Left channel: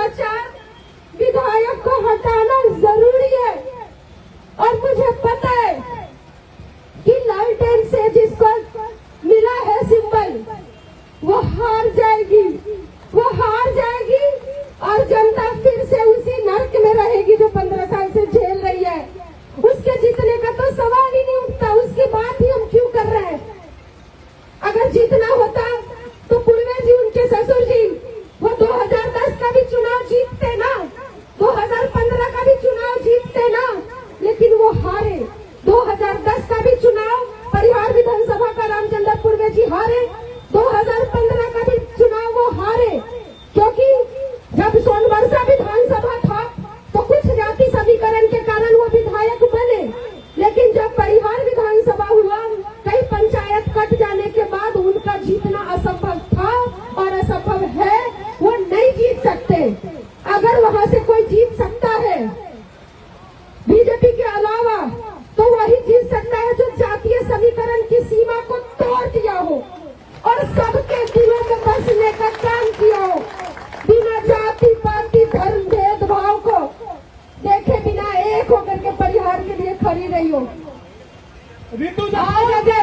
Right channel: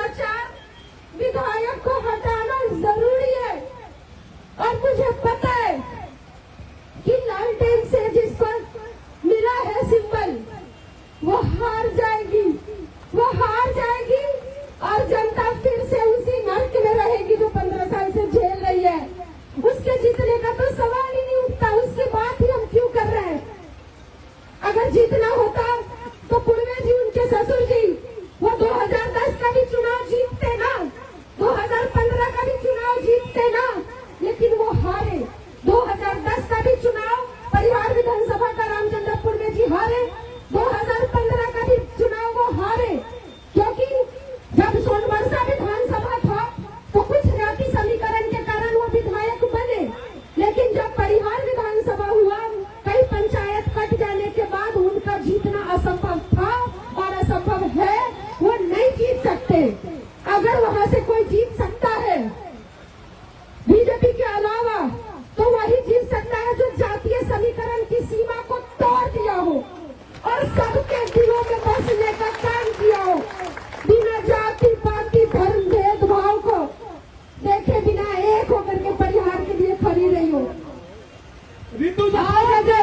भ्रष्टाचार विधायक को हटाना जरूरी है। और मुझे पता है कि लालटेन से जिस पर मिला है सिंबल वो हार जाएगी, वो हार जाएगी और जनता फिर से उसी नर्क में रहेगी जो 15 साल से झेल रही है। उसके जीतने का तो सवाल ही नहीं उठता, उसकी बात ही हम क्यों कर रहे हैं। अगर जीतना होता तो पूर्वे जी, उनके ससुर जी, वो 2010 का भी चुनाव जीतते ना, 2015 का भी चुनाव जीतते ना, लेकिन वो हारे। 2010 का भी चुनाव परिहार विधानसभा का रामचंद्र पूर्वे जी हारे, 2015 का भी चुनाव वो हारे, क्योंकि जब सोनवर्षा विधानसभा था तो कुछ जाति समीकरण के कारण वो विधायक बने, लेकिन जब परिहार विधानसभा हुआ, कई पंचायत कट जाने के बाद उनका जीतना असंभव था और असंभव है, वो नहीं जीत सकते। अगर वहां से कोई जीत सकता है बीजेपी के अलावा, तो वही जीत सकता है जो जातीय समीकरण की सीमा को तोड़ दिया हो और सबके दिलों में बसने का काम किया हो, बिना जाति पाति धर्म भेदभाव को देखे बिना एक होकर के परिहार के लिए खड़ी रही हो। रितु आज अगर